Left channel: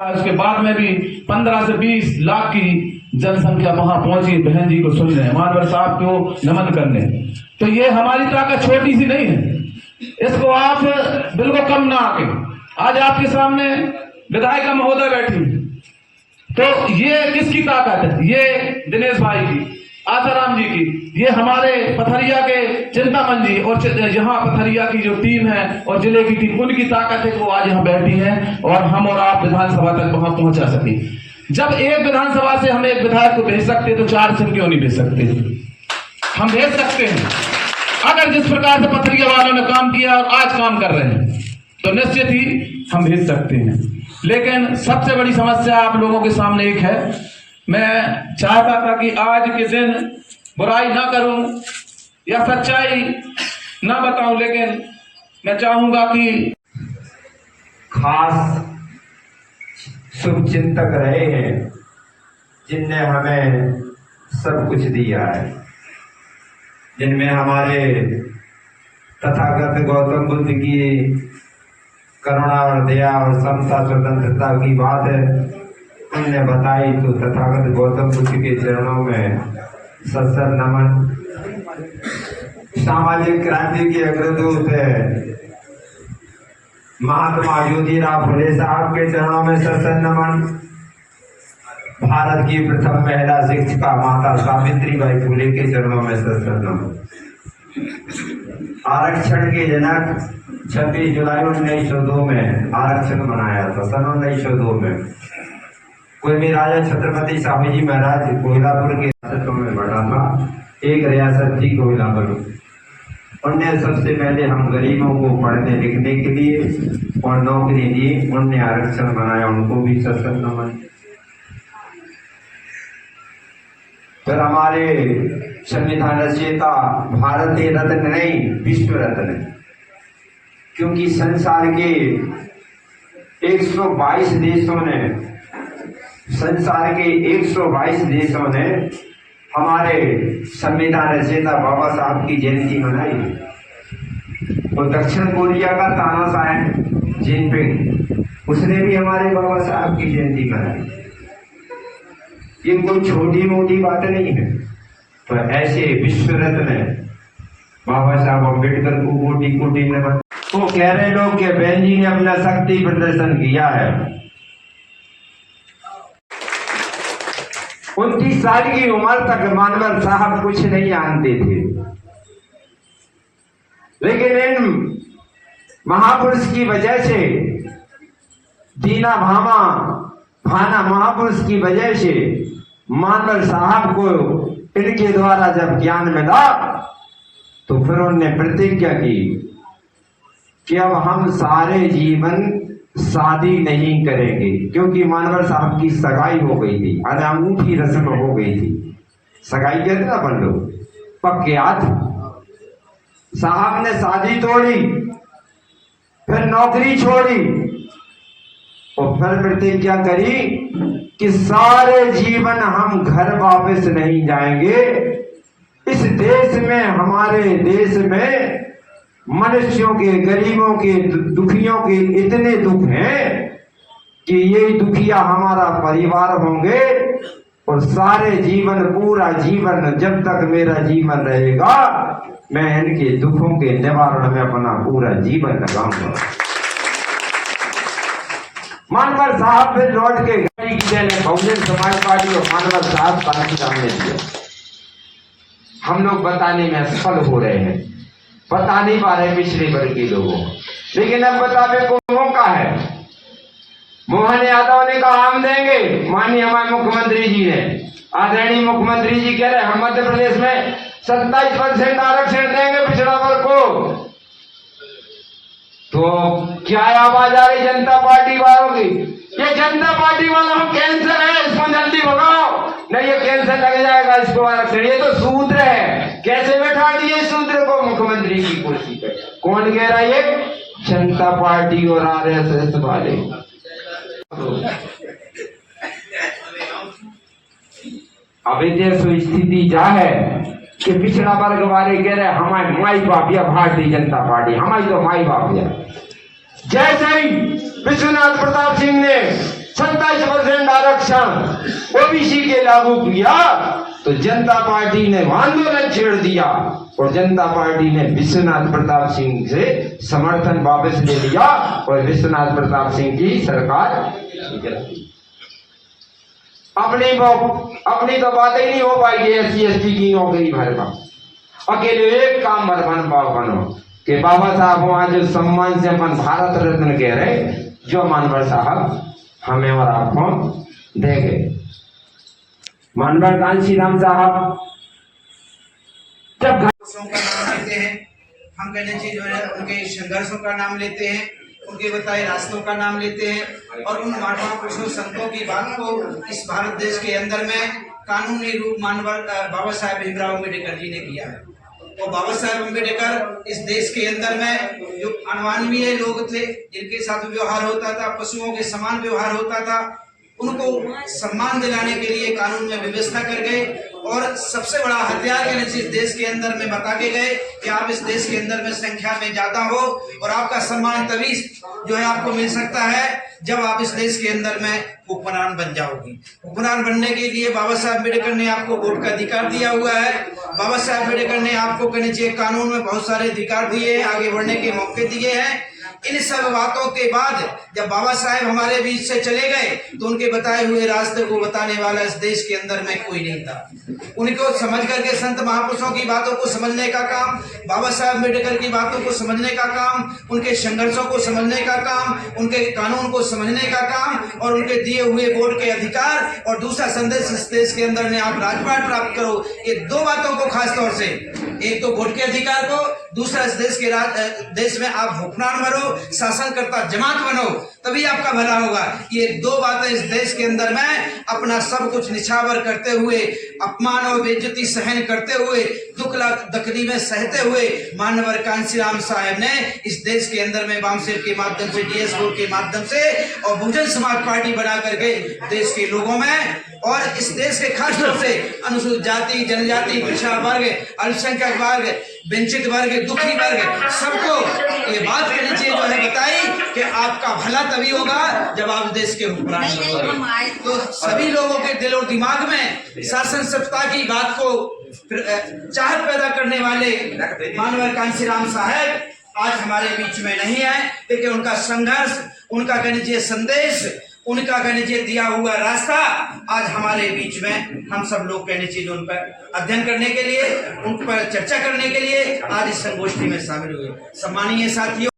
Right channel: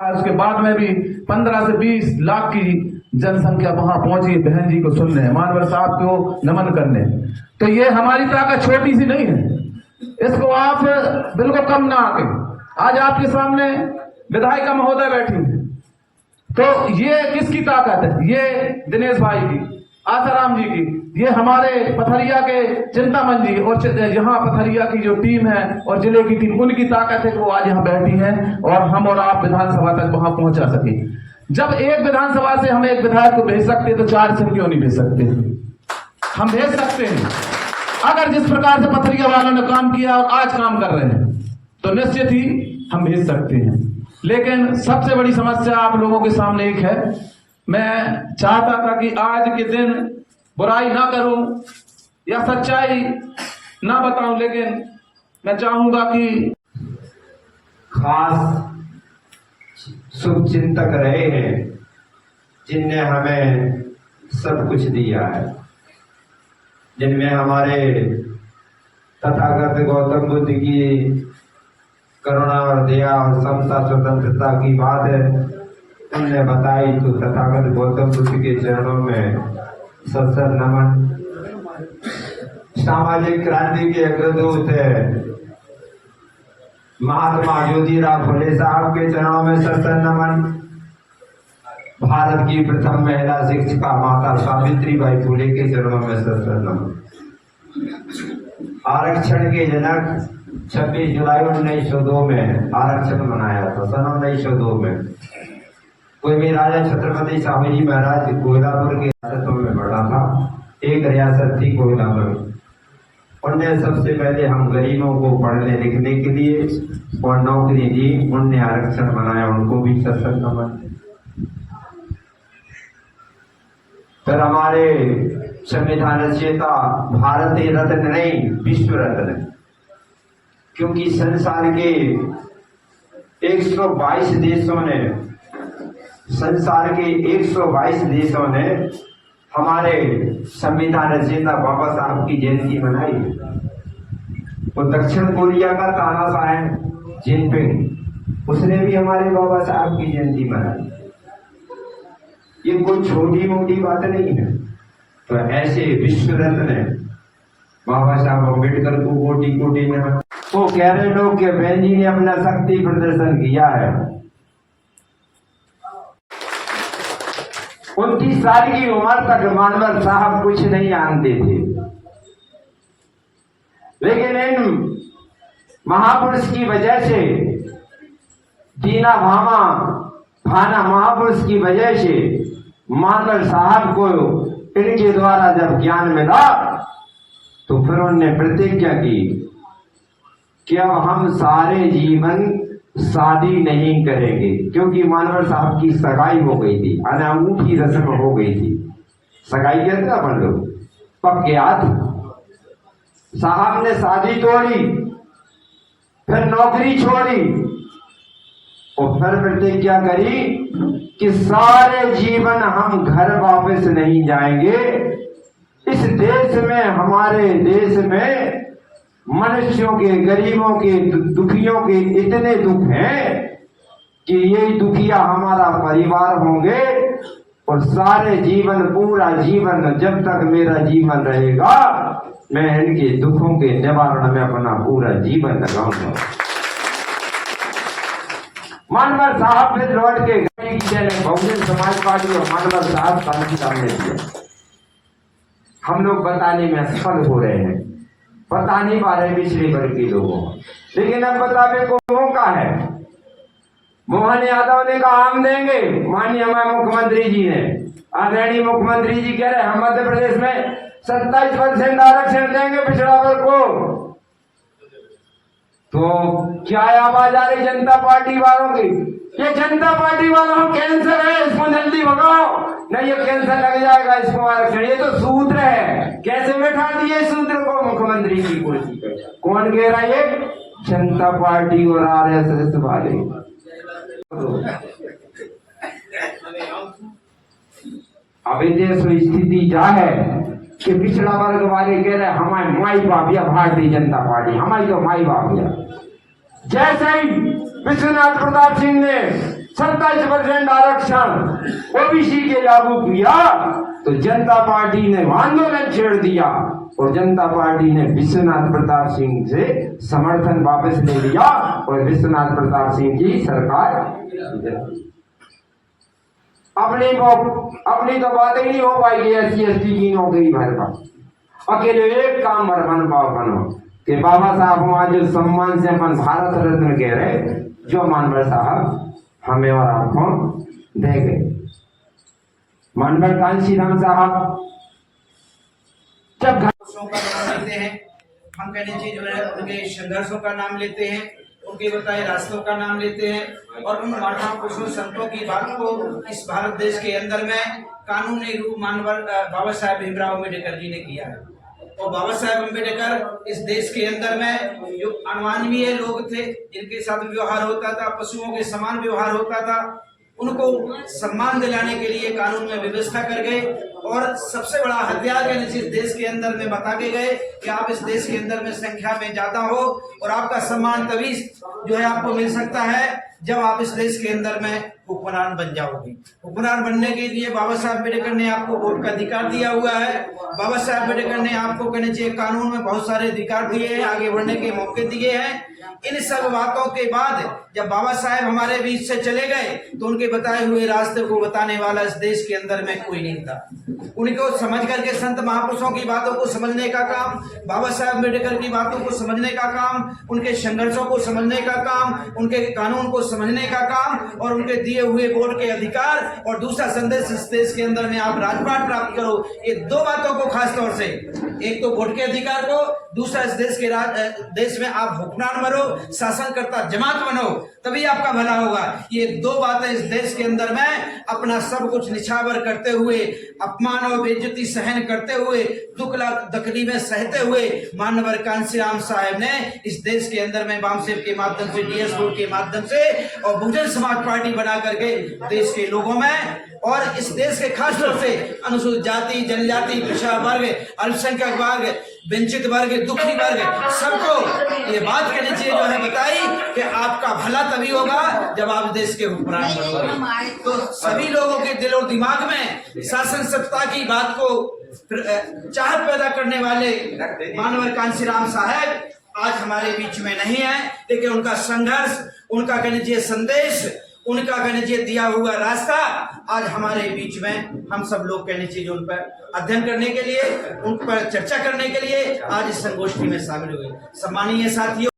उसके बाद में भी 15 से 20 लाख की जनसंख्या वहां पहुंची बहन जी को सुनने, मानवर साहब को नमन करने। तो ये हमारी ताकत छोटी सी नहीं है, इसको आप बिल्कुल कम ना आके। आज आपके सामने विधायक महोदय बैठी, तो ये किसकी ताकत है? ये दिनेश भाई की, आसाराम जी की, ये हमारे पथरिया के चिंतामन जी और यहाँ पथरिया की जो टीम है और जिले की टीम, उनकी ताकत है कि वो आज यहाँ बैठी है और हम और आप विधानसभा तक वहां पहुंचा सके। जब एक विधानसभा से हम एक विधायक को भेज सकते तो 4 से क्यों नहीं भेज सकते? हम भेज सकते हैं। अगर जिस प्रकार से पथरिया वालों ने काम किया और आज काम कर रहे हैं तो निश्चित ही हम भेज सकते हैं। लेकिन सबसे बड़ी समस्या आप लोगों के सामने एक है। मैं चाहता था कि आज के दिन बुराई ना करूं या सच्चाई ना बताऊं, लेकिन मैं चाहूंगा कि खास शुभ चिंतक रहे हैं जिनने हमें सब कुछ दिया है, जिनमें हमारे तथागत गौतम बुद्ध की करुणा और दया और समता स्वतंत्रता की बात है उनने बताई। तो तथागत गौतम बुद्ध के चरणों में सत्सर नमन। सामाजिक क्रांति के अग्रदूत महात्मा ज्योतिराव फुले साहब के चरणों में सत्सर नमन। भारत की प्रथम महिला शिक्षिका माता सावित्रीबाई फुले के चरणों में सत्सर नमन। आरक्षण के जनक 26 जुलाई 1902 में आरक्षण मनाया था। सन 1902 में कोई भी राजा छत्रपति शाहू जी महाराज कोयलापुर के रियासतों में बढ़ा था। एक रियासत थी कोयलापुर। उनने सबसे पहले हम गरीबों को पढ़ने लिखने के लिए और नौकरी दी, उनने आरक्षण बनाया, उनको भी सत्सर नमन। फिर हमारे संविधान रचयिता भारत रत्न नहीं विश्व रत्न, क्योंकि संसार के 122 देशों ने हमारे संविधान रचयिता बाबा साहब की जयंती मनाई। और दक्षिण कोरिया का तानाशाह जिनपिंग, उसने भी हमारे बाबा साहब की जयंती मनाई। ये कोई छोटी मोटी बात नहीं है। तो ऐसे विश्व रत्न बाबा साहब अम्बेडकर को कोटि कोटि नमन। तो कह रहे लोग कि बहन जी ने अपना शक्ति प्रदर्शन किया है। 29 साल की उम्र तक मानवर साहब कुछ नहीं जानते थे, लेकिन इन महापुरुष की वजह से, दीना भाना महापुरुष की वजह से मानवर साहब को इनके द्वारा जब ज्ञान मिला तो फिर उन्होंने प्रतिज्ञा की कि अब हम सारे जीवन शादी नहीं करेंगे, क्योंकि मानवर साहब की सगाई हो गई थी, अनूठी रस्म हो गई थी। सगाई कहते ना अपन लोग, पक्के हाथ। साहब ने शादी तोड़ी, फिर नौकरी छोड़ी और फिर प्रतिज्ञा करी कि सारे जीवन हम घर वापस नहीं जाएंगे। इस देश में, हमारे देश में मनुष्यों के, गरीबों के, दुखियों के इतने दुख हैं कि ये दुखिया हमारा परिवार होंगे और सारे जीवन, पूरा जीवन, जब तक मेरा जीवन रहेगा मैं इनके दुखों के निवारण में अपना पूरा जीवन लगाऊंगा। मानवर साहब फिर लौट के बहुजन समाज पार्टी और मानवर साहब सामने दिया। हम लोग बताने में असफल हो रहे हैं, बता नहीं पा रहे पिछड़े वर्ग के लोगों, लेकिन अब बताने को मौका है। मोहन यादव ने कहा हम देंगे, माननीय हमारे मुख्यमंत्री जी ने, आदरणीय मुख्यमंत्री जी कह रहे हम मध्य प्रदेश में 27% आरक्षण देंगे पिछड़ा वर्ग को। तो क्या आवाज आ रही जनता पार्टी वालों की? ये जनता पार्टी वालों को कैंसर है, इसको जल्दी भगाओ, नहीं ये कैंसर लग जाएगा इसको आरक्षण। ये तो सूत्र है, कैसे बैठा दिए सूत्र को मुख्यमंत्री की कुर्सी पे? कौन कह रहा है? ये जनता पार्टी और आरएसएस वाले। अभी देश में स्थिति जा है कि पिछड़ा वर्ग वाले कह रहे हमारे माई बाप या भारतीय जनता पार्टी, हमारी तो माई बाप या। जैसे ही विश्वनाथ प्रताप सिंह ने आरक्षण ओबीसी के लागू किया तो जनता पार्टी ने आंदोलन छेड़ दिया और जनता पार्टी ने विश्वनाथ प्रताप सिंह से समर्थन वापस ले लिया और विश्वनाथ प्रताप सिंह की सरकार अपनी तो बातें नहीं हो पाएगी SC ST की नौकरी भर का। अकेले एक काम बनो कि बाबा साहब हम आज सम्मान से अपन भारत रत्न कह रहे जो मानवर साहब हमें और आपको दे गए। मानवर कांशीराम साहब जब का नाम लेते हैं, हम कहने चाहिए जो है उनके संघर्षों का नाम लेते हैं, उनके बताए रास्तों का नाम लेते हैं और उन महापुरुषों संतों की बात को इस भारत देश के अंदर में कानूनी रूप मानवर बाबा साहेब भीमराव अम्बेडकर जी ने किया है। और बाबा साहेब अम्बेडकर इस देश के अंदर में जो अनमानवीय लोग थे, जिनके साथ व्यवहार होता था, पशुओं के समान व्यवहार होता था, उनको सम्मान दिलाने के लिए कानून में व्यवस्था कर गए और सबसे बड़ा हथियार इस देश के अंदर में बता के गए कि आप इस देश के अंदर में संख्या में ज्यादा हो और आपका सम्मान तभी जो है आपको मिल सकता है जब आप इस देश के अंदर में हुक्मरान बन जाओगी। हुक्मरान बनने के लिए बाबा साहब अम्बेडकर ने आपको वोट का अधिकार दिया हुआ है। बाबा साहब अम्बेडकर ने आपको कहने चाहिए कानून में बहुत सारे अधिकार दिए हैं, आगे बढ़ने के मौके दिए हैं। इन सब बातों के बाद जब बाबा साहेब हमारे बीच से चले गए तो उनके बताए हुए रास्ते को बताने वाला इस देश के अंदर में कोई नहीं था। उनको समझ करके संत महापुरुषों की बातों को समझने का काम, बाबा साहेब अम्बेडकर की बातों को समझने का काम, उनके संघर्षों को समझने का काम, उनके कानून को समझने का काम और उनके दिए हुए वोट के अधिकार और दूसरा संदेश इस देश के अंदर में आप राजपाट प्राप्त करो। ये दो बातों को खास तौर से, एक तो वोट के अधिकार को, दूसरा इस देश के देश में आप हुक्मरान बनो, शासनकर्ता जमात बनो, तभी आपका भला होगा। ये दो बातें इस देश के अंदर में अपना सब कुछ निछावर करते हुए, अपमान और बेइज्जती सहन करते हुए, दुख तकलीफें सहते हुए मानवर कांशीराम साहब ने इस देश के अंदर में वामसेव के माध्यम से, DS बोर्ड के माध्यम से और बहुजन समाज पार्टी बना करके देश के लोगों में और इस देश के खास तौर से अनुसूचित जाति, जनजाति, पिछड़ा वर्ग, अल्पसंख्यक वर्ग, वंचित वर्ग, दुखी वर्ग, सबको ये बात कहनी चाहिए जो है बताई कि आपका भला तभी होगा जब आप देश के हुक्मरान बनोगे। तो सभी लोगों के दिल और दिमाग में शासन सत्ता की बात को चाहत पैदा करने वाले मानवर कांशीराम साहब आज हमारे बीच में नहीं है, लेकिन उनका संघर्ष, उनका कहना चाहिए संदेश, उनका कहने चाहिए दिया हुआ रास्ता आज हमारे बीच में हम सब लोग कहने चाहिए उन पर अध्ययन करने के लिए, उन पर चर्चा करने के लिए आज इस संगोष्ठी में शामिल हुए। सम्मानीय साथियों,